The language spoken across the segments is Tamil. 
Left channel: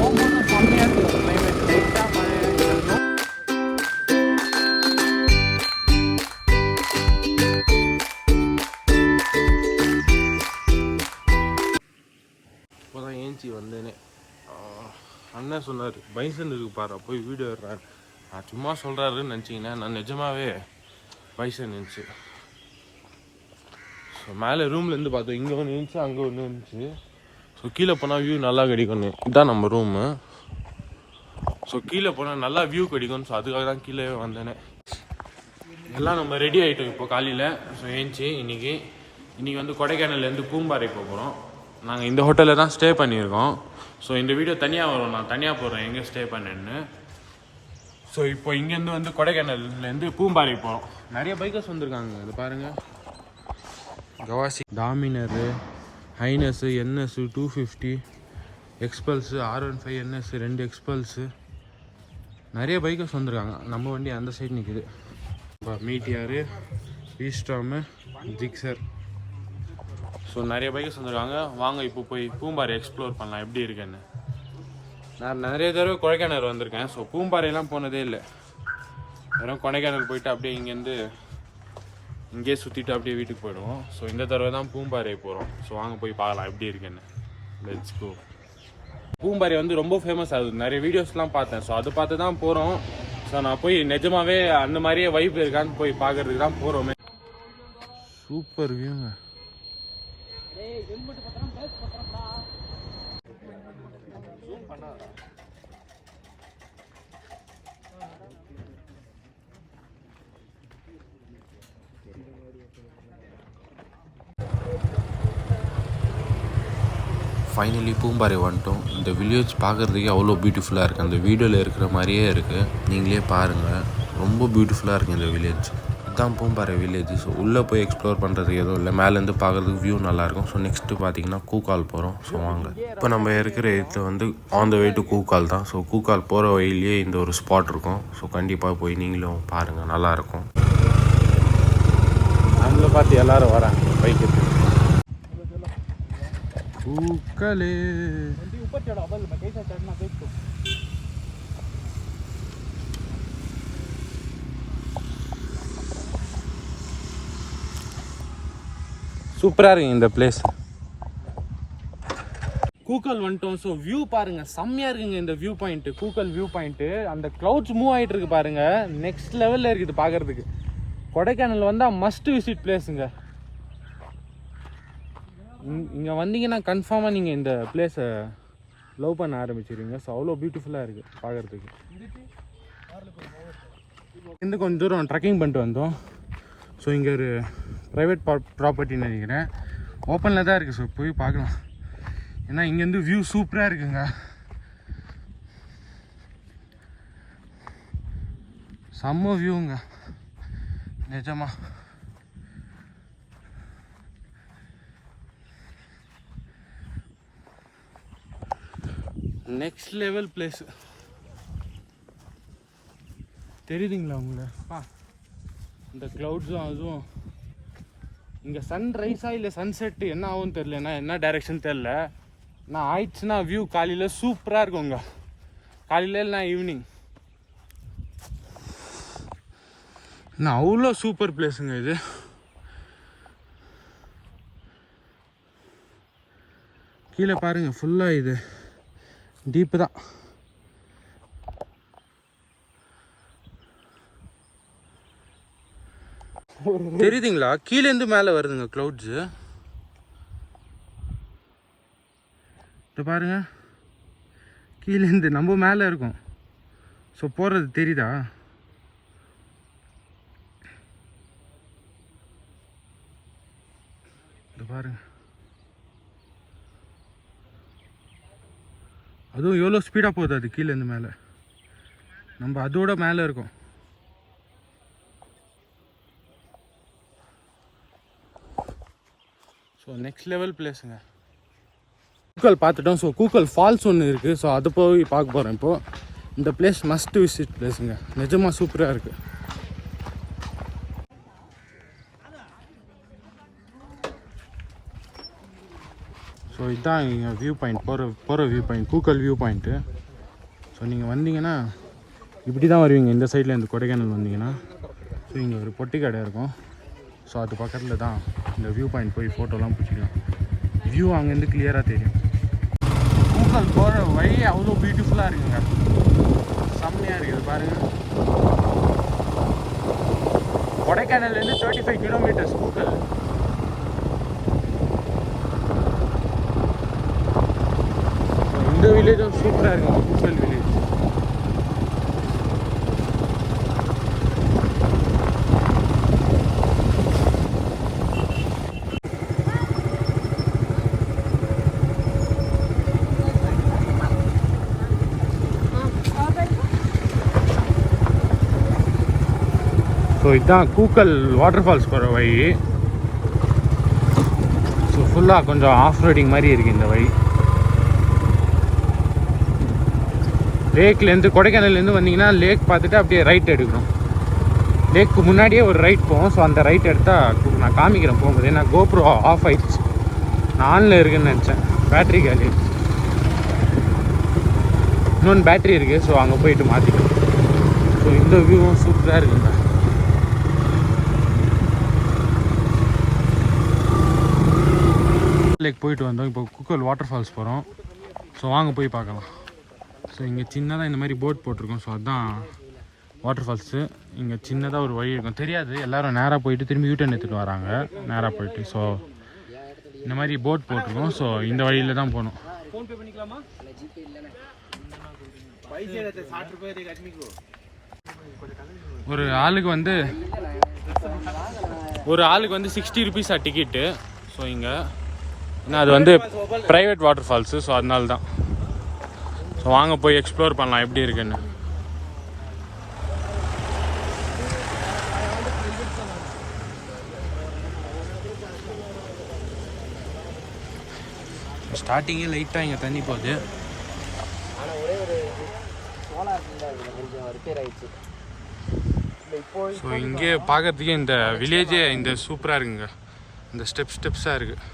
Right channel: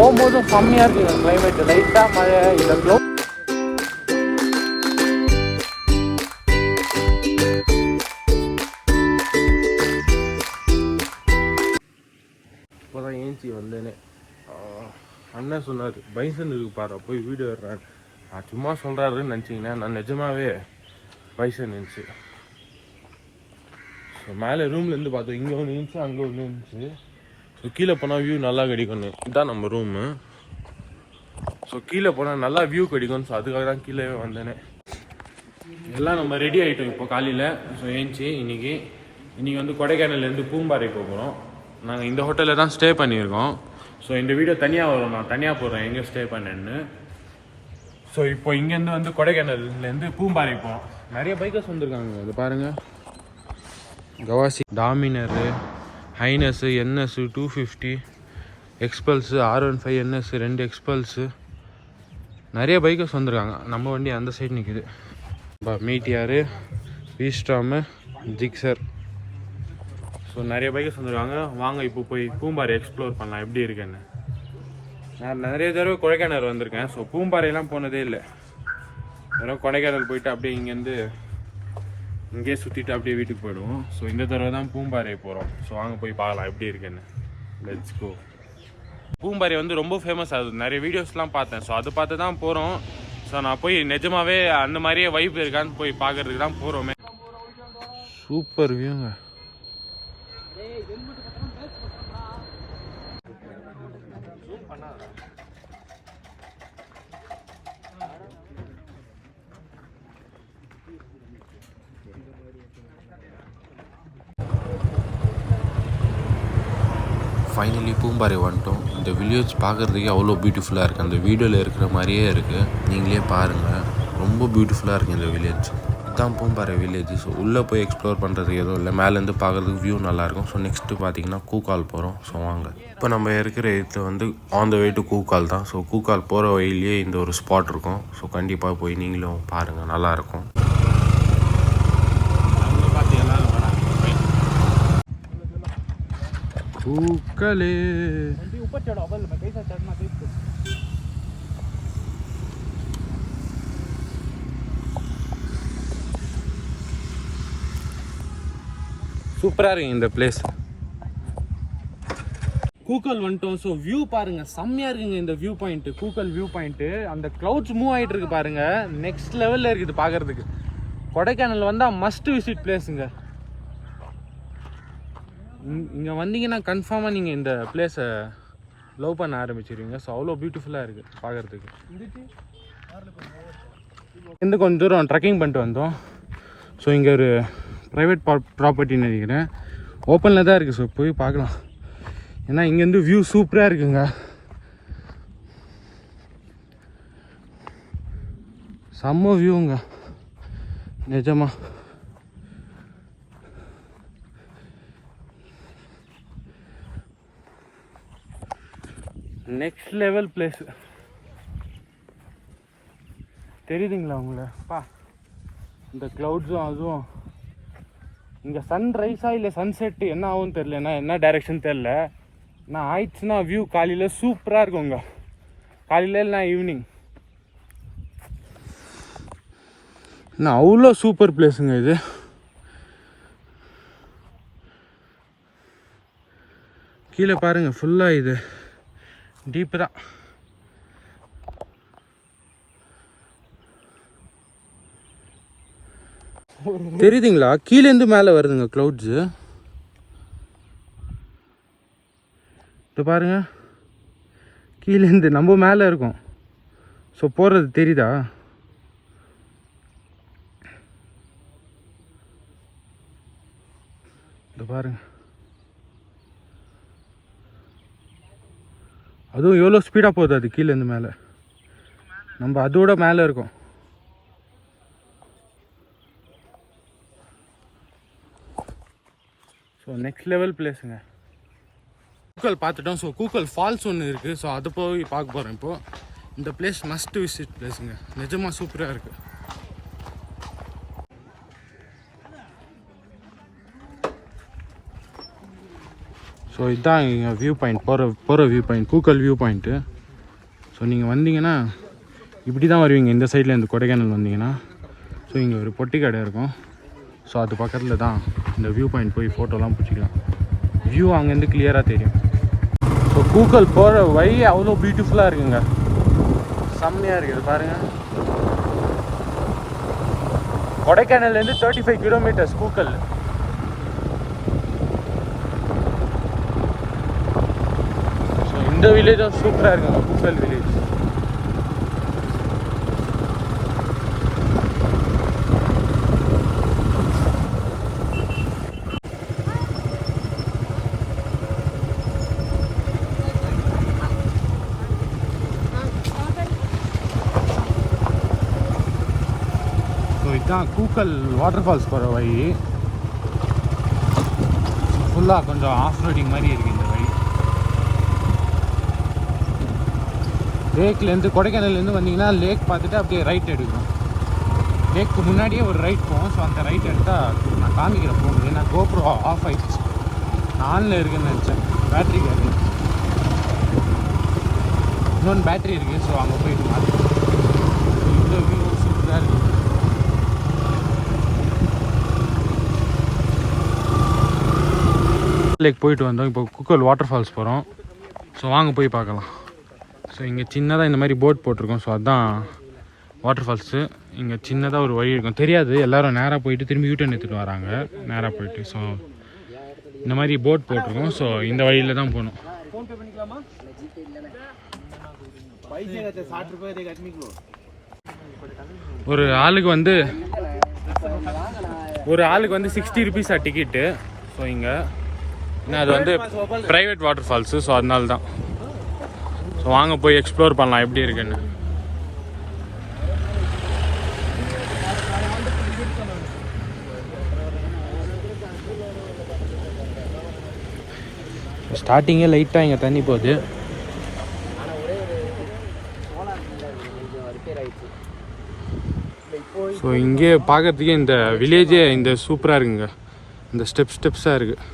போகும்போதும் செம்மையாக இருக்குது அந்த கிளைமேட். லைட்டாக மழை இதோ இப்போதான் ஏஞ்சி வந்தேனே. அண்ணன் சொன்னார் பைசன் இருக்கு பாரு போய் வீடியோ எடுறான். நான் சும்மா சொல்கிறாருன்னு நினச்சிங்கன்னா நான் நிஜமாவே பைசன் இருந்துச்சு. ஸோ மேலே ரூம்லேருந்து பார்த்தோம், இங்கே ஒன்று இருந்துச்சு அங்கே ஒன்று இருந்துச்சு. ஸோ கீழே போனால் வியூ நல்லா கிடைக்கும். இதுதான் நம்ம ரூமு. ஸோ கீழே போனால் நல்லா வியூ கிடைக்கும். ஸோ அதுக்காக தான் கீழே வந்தேனே. எல்லாம் நம்ம ரெடி ஆகிட்டோம் இப்போ காலையில். ஸோ ஏஞ்சி இன்றைக்கி வந்து கொடைக்கானல்லேருந்து பூம்பாறை போகிறோம். நாங்கள் இந்த ஹோட்டலில் தான் ஸ்டே பண்ணியிருக்கோம். ஸோ இந்த வீடியோ தனியாக வரும், நான் தனியாக போடுறேன் எங்கே ஸ்டே பண்ணேன்னு. ஸோ இப்போ இங்கேருந்து வந்து கொடைக்கானல்லேருந்து பூம்பாறை போகிறோம். நிறைய பைக்கர்ஸ் வந்திருக்காங்க. இது பாருங்கள், கவாசி, டாமினரு, ஹைனஸு, என்எஸ்ஸு 250, எக்ஸ்பல்ஸு, R15 என்எஸ் 2 எக்ஸ்பல்ஸு, நிறைய பைக்கர்ஸ் வந்திருக்காங்க. நம்ம வண்டி அந்த சைடு நிற்குது. மீட்டியாரு, வீஸ்டாமு, ஜிக்ஸர். ஸோ நிறைய பைக்கர்ஸ் வந்திருக்காங்க. வாங்க இப்போ போய் பூம்பாறை எக்ஸ்ப்ளோர் பண்ணலாம் எப்படி இருக்குன்னு. நான் நிறைய தடவை கொடைக்கானல் வந்திருக்கேன். ஸோ பூம்பாறையெல்லாம் போனதே இல்லை. வெறும் கொடைக்கானல் போயிட்டு அப்படியே இங்கேயே சுற்றிட்டு அப்படியே வீட்டுக்கு போயிடுவோம். ஸோ இந்த தடவை தான் பூம்பாறை போகிறோம். ஸோ வாங்க போய் பார்க்கலாம் எப்படி இருக்குன்னு. Let's go. பூம்பாறை வந்து ரொம்ப ஃபேமஸ் ஆகுது. நிறைய வீடியோஸ்லாம் பார்த்தேன். ஸோ அதை பார்த்து தான் போகிறோம். ஸோ நான் போய் நிஜமாவே அந்த மாதிரியே வைப் இருக்கான்னு போய் பார்க்கறதுக்கு தான் போகிறோமே. சூப்பர் வியூங்க. ஃபைனலி பூம்பாறை வந்துட்டோம். இந்த வில்லேஜ் பார்க்குறதுக்கே அவ்வளோ பியூட்டிஃபுல்லாக இருக்குது. அந்த வீடியோவில் இருக்கிற மாதிரியே இருக்குது. நீங்களே பாருங்கள், ரொம்ப பியூட்டிஃபுல்லாக இருக்குது இந்த வில்லேஜ். இதுதான் பூம்பாறை வில்லேஜ். ஸோ உள்ளே போய் எக்ஸ்ப்ளோர் பண்ணுறதுக்கு எதுவும் இல்லை. மேலேருந்து பார்க்குறதுக்கு வியூ நல்லாயிருக்கும். ஸோ நெக்ஸ்ட்டு பார்த்தீங்கன்னா கூக்கால் போகிறோம். ஸோ வாங்க. இப்போ நம்ம இருக்கிற இடத்துல வந்து on the way to Kookal தான். ஸோ கூக்கால் போகிற வழியிலேயே இந்த ஒரு ஸ்பாட் இருக்கும். ஸோ கண்டிப்பாக போய் நீங்களும் பாருங்கள், நல்லாயிருக்கும். நம்மளை பார்த்து எல்லோரும் வராங்க பைக்கு. கூக்கலே சூப்பராக இருக்குங்க இந்த பிளேஸ். கூக்கல் வந்துட்டோம். ஸோ வியூ பாருங்க, செம்மையாக இருக்குங்க இந்த view point. Coucal view point. அந்த க்ளவுட்ஸ் மூவ் ஆகிட்டு இருக்கு பாருங்க. நெக்ஸ்ட் லெவலில் இருக்குது பார்க்கறதுக்கு. கொடைக்கானல் வந்தால் மஸ்ட் விசிட் பிளேஸுங்க. இங்கே வந்தீங்கன்னா கன்ஃபார்மாக நீங்கள் இந்த பிளேஸை லவ் பண்ண ஆரம்பிச்சிருவீங்க. ஸோ அவ்வளோ பியூட்டிஃபுல்லாக இருக்குது பார்க்குறதுக்கு. இருந்து கொஞ்சம் தூரம் ட்ரெக்கிங் பண்ணிட்டு வந்தோம். ஸோ இங்கே ஒரு ப்ரைவேட் ப்ராப்பர்ட்டின்னு நினைக்கிறேன். ஓப்பனில் தான் இருக்குது. ஸோ போய் பார்க்கலாம். ஏன்னா இங்கேருந்து வியூ சூப்பராக இருக்குங்க. செம்ம வியூங்க நிஜமா. Next level place. தெரியுதுங்களா உங்களப்பா இந்த க்ளவுட்ஸும் அதுவும். இங்கே சன்ரைஸாக இல்லை சன்செட்டு என்ன ஆகும்னு தெரில. என்ன டைரெக்ஷன் தெரில. நான் ஆயிடுச்சுன்னா வியூ காலையில் சூப்பராக இருக்குங்க. காலையில் இல்லைனா ஈவினிங். நான் அவ்வளோ சூப்பர் பிளேஸுங்க இது. கீழே பாருங்கள், ஃபுல்லாக இது டீப்பு தான். தெரியுதுங்களா? கீழேருந்து மேலே வருதுங்க க்ளவுட்ஸு. இப்போ பாருங்க, கீழேருந்து நம்ம மேலே இருக்கும். ஸோ போகிறது தெரியுதா? இது பாருங்க, அதுவும் எவ்வளோ ஸ்பீடாக போகுது அது கீழேருந்து மேலே. நம்ம அதோட மேலே இருக்கோம். ஸோ நெக்ஸ்ட் லெவல் பிளேஸுங்க. கூக்கல் பார்த்துட்டோம். ஸோ கூக்கல் ஃபால்ஸ் ஒன்று இருக்குது. ஸோ அதை போய் பார்க்க போகிறேன் இப்போது. இந்த பிளேஸ் மஸ்ட் விசிட் பிளேஸுங்க. நிஜமாக சூப்பராக இருக்குது. ஸோ ஸோ இதுதான் இங்கே வியூ பாயிண்ட் போகிற view point coucal view point. So நீங்கள் வந்தீங்கன்னா இப்படி தான் வருவீங்க இந்த சைடில் இந்த கொடைக்கானல் வந்தீங்கன்னா. ஸோ இங்கே ஒரு பொட்டி கடை இருக்கும். ஸோ அது பக்கத்தில் தான் இந்த வியூ பாயிண்ட் போய் ஃபோட்டோலாம் பிடிச்சிக்கலாம். வியூ அங்கேருந்து கிளியராக தெரியும். ஸோ கூக்கல் போகிற வழி அவ்வளோ பியூட்டிஃபுல்லாக இருக்குங்க, செம்மையாக இருக்குது பாருங்கள். கொடைக்கானல்லேருந்து 35 கிலோமீட்டர்ஸ் கூக்கல். இந்த வில்லேஜும் சூப்பராக இருக்குங்க, கூக்கல் வில்லேஜ். ஸோ இதுதான் கூக்கல் வாட்டர் ஃபால்ஸ் போகிற வழி. ஸோ ஃபுல்லாக கொஞ்சம் ஆஃப் ரோடிங் மாதிரி இருக்குது இந்த வழி. லேக்லேருந்து கொடைக்கானல்லேருந்து வந்தீங்கன்னா லேக் பார்த்துட்டு அப்படியே ரைட் எடுக்கணும். லேக்கு முன்னாடியே ஒரு ரைட் போகும். ஸோ அந்த ரைட் எடுத்தால் நான் காமிக்கிறேன் போகும்போது. ஏன்னா கோப்ரோ ஆஃப் ஆயிடுச்சு, நான் ஆனில் இருக்குன்னு நினச்சேன், பேட்ரி காலி. இன்னொன்று பேட்ரி இருக்குது, ஸோ அங்கே போயிட்டு மாற்றிக்கணும். ஸோ இந்த வியூவும் சூப்பராக இருக்குங்க. லேக் போயிட்டு வந்தோம், இப்போ கூக்கல் வாட்டர் ஃபால்ஸ் போகிறோம். ஸோ வாங்க போய் பார்க்கலாம். ஸோ இங்கே சின்னதாக இந்த மாதிரி போட் போட்டிருக்கோம். ஸோ அதுதான் வாட்டர் ஃபால்ஸு. இங்கே சின்னதாக ஒரு வழி இருக்கும், தெரியாது, எல்லோரும் நேராக போயிட்டு திரும்பி யூட்டர்ன் எடுத்துகிட்டு வராங்க நேராக போயிட்டு. ஸோ இந்த மாதிரி போட் போட்டிருக்கோம். ஸோ இந்த வழியில் தான் போகணும். ஒரு ஆளுக்கு வந்து 60 ருபீஸா டிக்கெட்டு. ஸோ இங்கே அது வந்து ப்ரைவேட் வாட்டர் ஃபால்ஸு. ஸோ அதனால தான். ஸோ வாங்க போய் எக்ஸ்ப்ளோர் பண்ணலாம் எப்படி இருக்குன்னு. ஸ்டார்டிங்கே லைட்டாக இங்கே தண்ணி போகுது. ஸோ இங்கே பார்க்கறதுக்கே இந்த வில்லேஜே இந்த சூப்பராக இருக்குங்க, இந்த ஸ்டெப்ஸாக இருக்குது.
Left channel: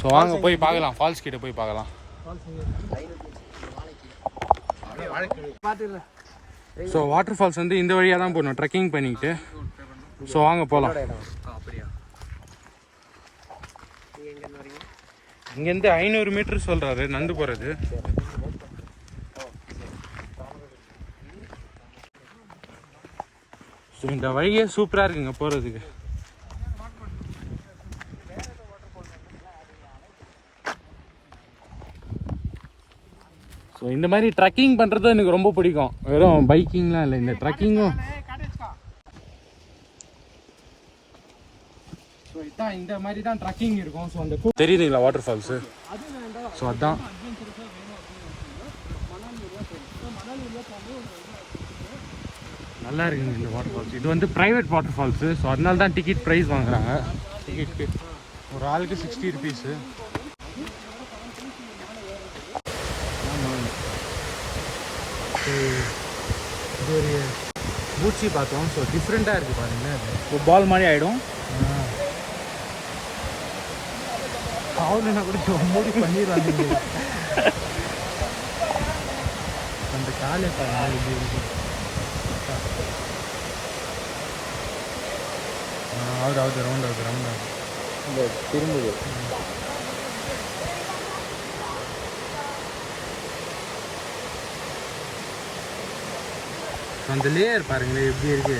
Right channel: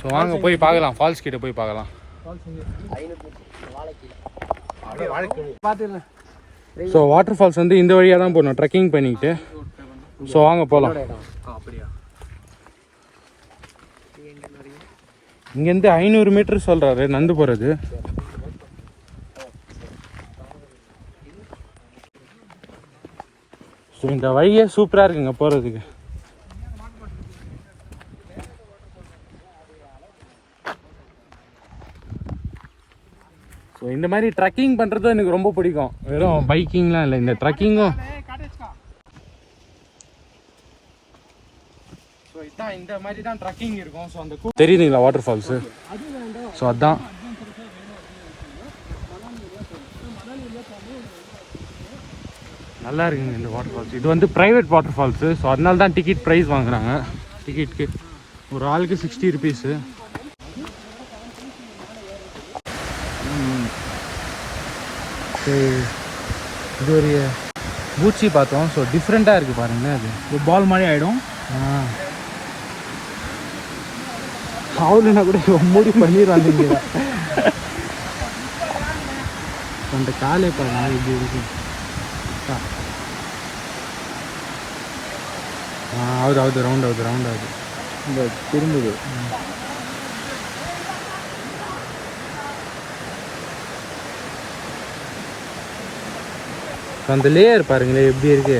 ஸோ வாங்க போய் பார்க்கலாம், ஃபால்ஸ் கிட்ட போய் பார்க்கலாம். ஸோ வாட்டர் ஃபால்ஸ் வந்து இந்த வழியாக தான் போகணும், ட்ரெக்கிங் பண்ணிக்கிட்டு. ஸோ வாங்க போகலாம். இங்கேருந்து 500 மீட்டர் சொல்கிறாரு நடந்து போகிறது. ஸோ இந்த வழியே சூப்பராக இருக்குங்க போகிறதுக்கு. ஸோ இந்த மாதிரி ட்ரக்கிங் பண்ணுறது எனக்கு ரொம்ப பிடிக்கும். வெறும் பைக்கிங்லாம் இல்லை, இந்த ட்ரக்கிங்கும். ஸோ இதான் இந்த மாதிரி தான் ட்ரக்கிங் இருக்கும். ஸோ அந்த தெரியுதுங்களா வாட்டர் ஃபால்ஸு? ஸோ அதுதான். நல்லா இருக்குங்க இந்த வாட்டர் ஃபால்ஸ். இது வந்து ப்ரைவேட் வாட்டர் ஃபால்ஸு. ஸோ அதனால தான் டிக்கெட் ப்ரைஸ் வாங்குறாங்க. டிக்கெட்டுக்கு ஒரு ஆளுக்கு 60 ருபீஸு. இது ஒரு பூச்சி பார்த்தோம். ஸோ டிஃப்ரெண்ட்டாக இருக்குது பாருங்களேன், அது பால் மாதிரி ஆகிடும். அவளுன்னா கூட மூடி பண்ணிடுவாங்க. இங்கே அந்த காலே பாருங்க இப்படி இருக்கு. ஆகுது ரவுண்ட் ஆகுது இந்த திரும்புது. அந்த லேயர் பாருங்களேன் எப்படி இருக்கு.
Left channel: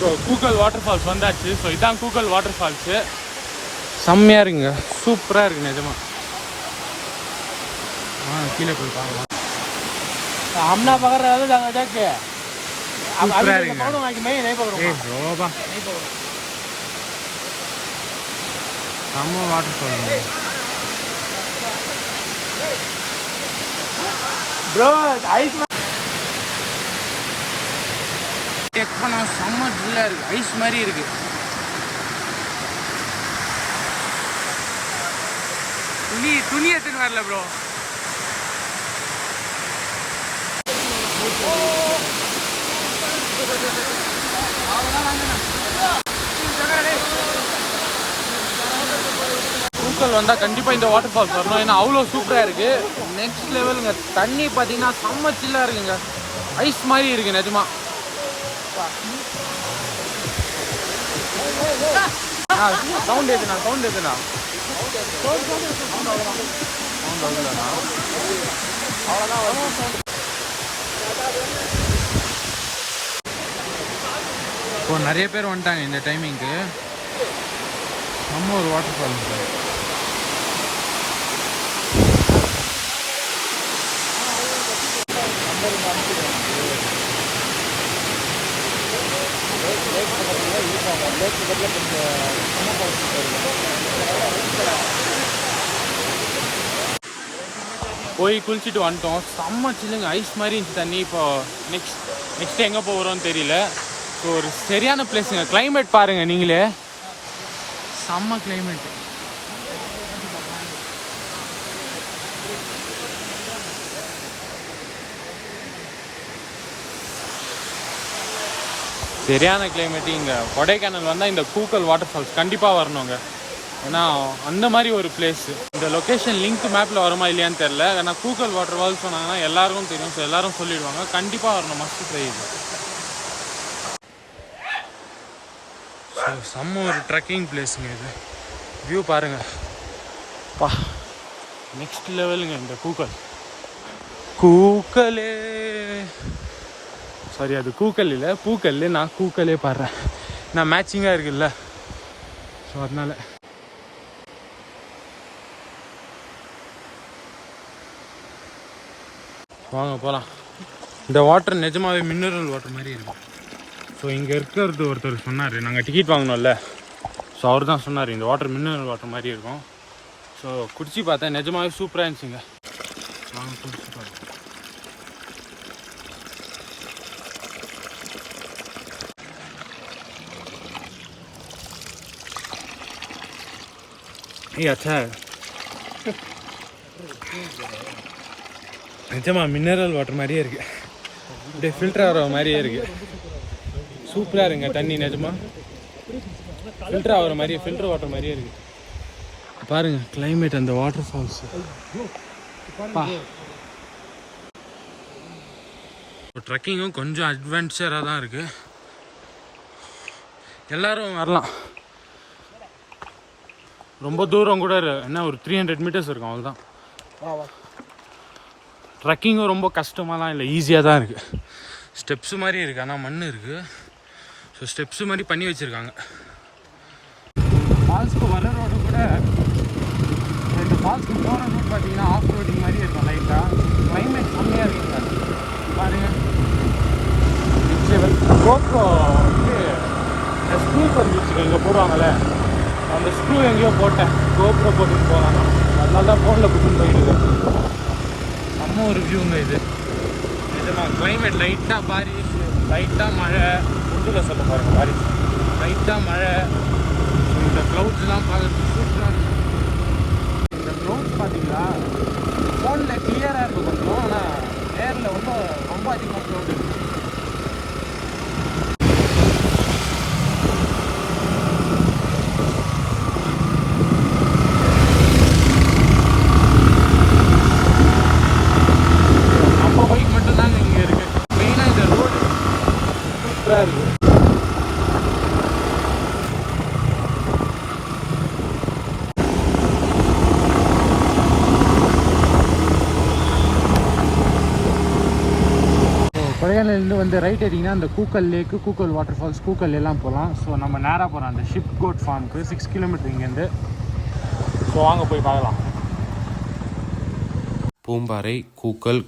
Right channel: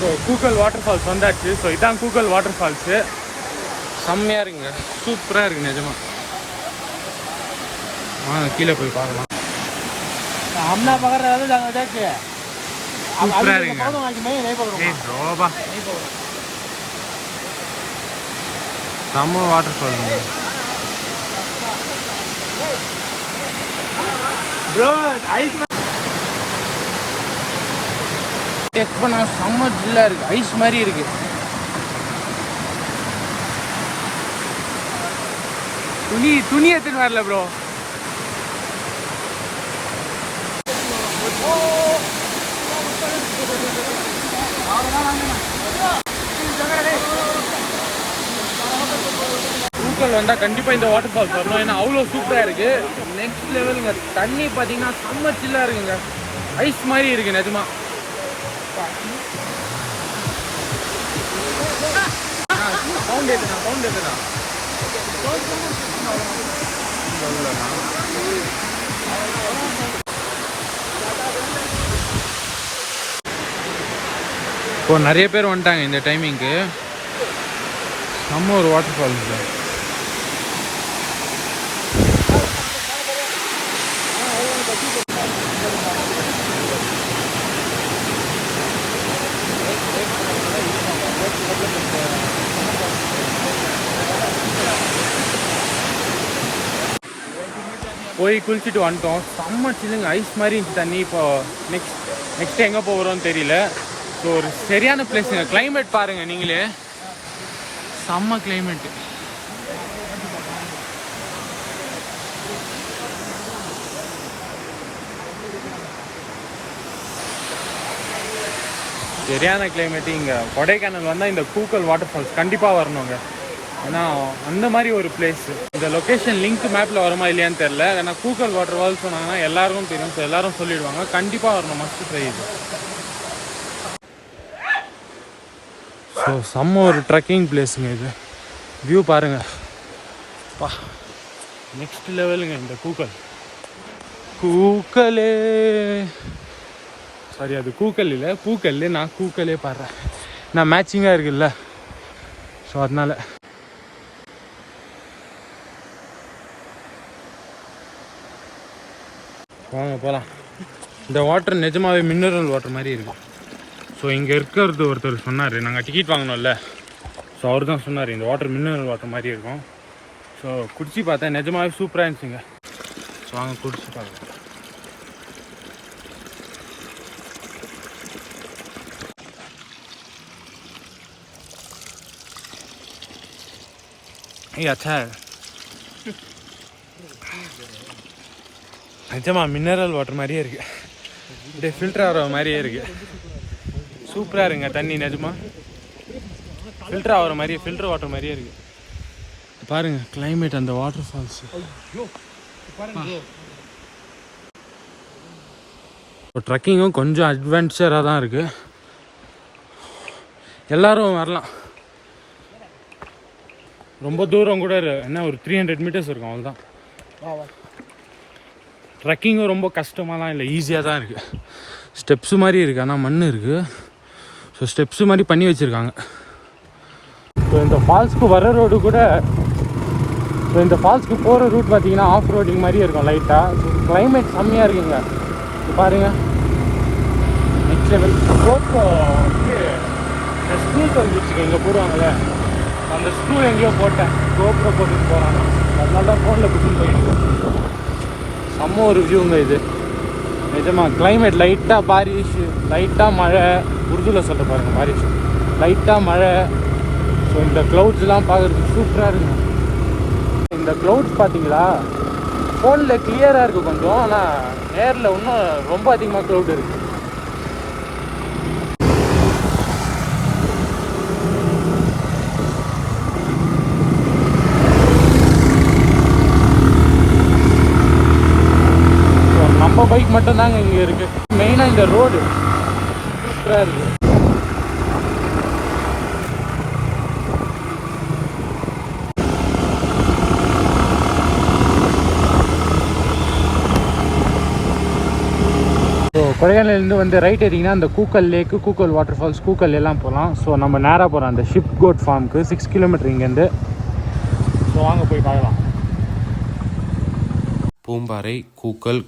ஸோ கூக்கல் வாட்டர் ஃபால்ஸ் வந்தாச்சு. ஸோ இதான் கூக்கல் வாட்டர் ஃபால்ஸு. செம்மையாக இருக்குங்க, சூப்பராக இருக்குது நிஜமா. கீழே போய் பார்க்கலாம். हमना पकड़ रहे थे जगह देख के अब अभी पकड़ो ना कि मैं नहीं पकड़ूंगा। नहीं पकड़ो। செம்ம waterfall bro ice check பண்ண செம்ம ஜில்லாக இருக்குது, ஐஸ் மாதிரி இருக்குது. துணி எடுத்துன்னு வரல ப்ரோ. பூக்கள் வந்தால் கண்டிப்பாக இந்த வாட்டர் ஃபால்ஸ் வரணும், ஏன்னா அவ்வளோ சூப்பராக இருக்குது. நெக்ஸ்ட் லெவலுங்க. தண்ணி பார்த்தீங்கன்னா செம்ம சில்லாக இருக்குங்க, ஐஸ் மாதிரி இருக்குது நிஜமா. சவுண்ட் எதுனா இப்போ நிறைய பேர் வந்துட்டாங்க இந்த டைமிங்க்கு. நம்ம ஒரு வாட்டர் ஃபால்ஸ் சார். போய் குளிச்சுட்டு வந்துட்டோம். செம்ம சில்லுங்க, ஐஸ் மாதிரி இருந்துச்சு தண்ணி. இப்போ நெக்ஸ்ட் எங்கே போகிறோன்னு தெரியல. ஸோ ஒரு சரியான பிளேஸுங்க. கிளைமேட் பாருங்கள் நீங்களே, செம்ம கிளைமேட்டு. சரியான கிளைமேட்டு. இங்கே கொடைக்கானல் வந்தால் இந்த கூக்கல் வாட்டர் ஃபால்ஸ் கண்டிப்பாக வரணுங்க, ஏன்னா அந்த மாதிரி ஒரு பிளேஸ். இந்த லொக்கேஷன் லிங்க் மேப்பில் வருமா இல்லையான்னு தெரில, ஏன்னா கூக்கல் வாட்டர் ஃபால்ஸ் சொன்னாங்கன்னா எல்லாருக்கும் தெரியும். ஸோ எல்லாரும் சொல்லிடுவாங்க, கண்டிப்பாக வரணும், மஸ்ட் ட்ரை இது. ஸோ செம்ம ஒரு ட்ரெக்கிங் பிளேஸுங்க இது. வியூ பாருங்கள் பா, நெக்ஸ்ட் லெவலுங்க இந்த கூக்கலே. சரி, அது கூக்கல் இல்லை, பூக்கல். நான் கூக்கலே பாடுறேன், நான் மேட்சிங்காக இருக்குல்ல, ஸோ அதனால. வாங்க போகலாம். இந்த வாட்டர் நிஜமாவே மினரல் வாட்டர் மாதிரி இருக்கும். ஸோ இங்கே இருக்கிறது ஒருத்தர் சொன்னார், நாங்கள் டிக்கெட் வாங்கினோம்ல, ஸோ அவர் தான் சொன்னார் இந்த வாட்டர் மினரல் வாட்டர் மாதிரி இருக்கும். ஸோ குடிச்சு பார்த்தேன், நிஜமாவே சூப்பராக இருந்துச்சுங்க. வாங்க குடிச்சு பார்க்கலாம். अच्छा நிஜமா மினரல் வாட்டர் மாதிரியே இருக்கு, அப்படியே ஃபில்டர் ஆகிற மாதிரியே இருக்கு. சூப்பராக இருங்க தண்ணி, நிஜமா ஃபில்டர் ஆகிற மாதிரியே, ஃபில்டர் வாட்டர் மாதிரியே இருக்கு. பாருங்க கிளைமேட், அந்த வாட்டர் ஃபால்ஸ். ட்ரெக்கிங்கும் கொஞ்சம் அட்வென்ச்சராக தான் இருக்கு, எல்லாரும் வரலாம். ரொம்ப தூரம் கூட என்ன, ஒரு 300 மீட்டர்ஸ் இருக்கும், அவ்வளோதான். ட்ரெக்கிங்கும் ரொம்ப கஷ்டமாலாம் இல்லை, ஈஸியாக தான் இருக்குது. ஸ்டெப்ஸு மாதிரி இருக்குது, ஆனால் மண் இருக்குது. ஸோ ஸ்டெப்ஸு மாதிரி பண்ணி வச்சுருக்காங்க. ஸோ இந்த ஃபால்ஸ்க்கு வர ரோடு கூட, இந்த ஃபால்ஸ்க்கு போகிற ரூட் பார்த்தீங்கன்னா ஆஃப் ரோடிங் மாதிரியே இருக்கும் லைட்டாக. கிளைமேட் கம்மியாக இருக்குங்க பாருங்கள், நெக்ஸ்ட் லெவல். கோப்ரோ ஸ்க்ரூ வந்துச்சு இங்கே போடுவாங்களே, அந்த ஸ்க்ரூ எங்கேயோ போட்டேன், கோப்ரோ போட்டுட்டு போகிறாங்க, அதனால தான் ஃபோனில் புக்கிங் பண்ணிட்டு. நம்ம ஒரு வியூங்க இது, நிஜமா கிளைமேட் லைட்டாக பாரிஸ், லைட்டாக மழை, உருதுல சொல்கிற மாதிரி லைட்டாக மழை. ஸோ இந்த க்ளவுட்ஸ்லாம் பார்க்குறதுக்கு சூப்பராக இருக்குது. இந்த க்ளவுட்ஸ் பார்த்தீங்களா, ஃபோனில் கிளியராக இருக்குது கொஞ்சம், ஆனால் நேரில் இன்னும் ரொம்ப அதிகமாக க்ளவுட் இருக்குது. நம்ம பைக் மட்டும்தாங்க இங்கே இருக்குது, மெயினாக இந்த ரோடு இருக்குது. ஸோ கொடைக்கானலேருந்து வந்து ரைட் எடுத்திங்கன்னா அந்த கூக்கல் லேக்கு, கூக்கல் வாட்டர் ஃபால்ஸ், கூக்கல் எல்லாம் போகலாம். ஸோ நம்ம நேராக போகிறோம் அந்த ஷிப் கோட் ஃபார்முக்கு, 6 கிலோமீட்டர் இங்கேருந்து. ஸோ வாங்க போய் பார்க்கலாம். பூம்பாறை,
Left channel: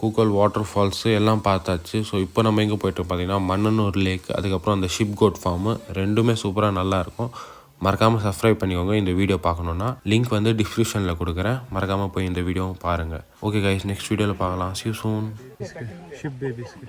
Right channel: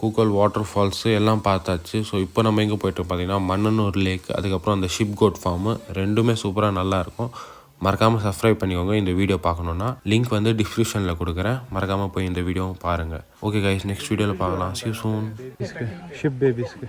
கூக்கல் வாட்டர் ஃபால்ஸு எல்லாம் பார்த்தாச்சு. ஸோ இப்போ நம்ம எங்கே போய்ட்டு பார்த்தீங்கன்னா மன்னனூர் லேக், அதுக்கப்புறம் அந்த ஷிப் கோட் ஃபார்மு, ரெண்டுமே சூப்பராக நல்லாயிருக்கும். மறக்காமல் சப்ஸ்கிரைப் பண்ணிக்கோங்க. இந்த வீடியோ பார்க்கணுன்னா லிங்க் வந்து டிஸ்கிரிப்ஷனில் கொடுக்குறேன். மறக்காமல் போய் இந்த வீடியோவும் பாருங்கள். ஓகே கைஸ், நெக்ஸ்ட் வீடியோவில் பார்க்கலாம். See you soon. ஷிப் பேபிஸ்க்கு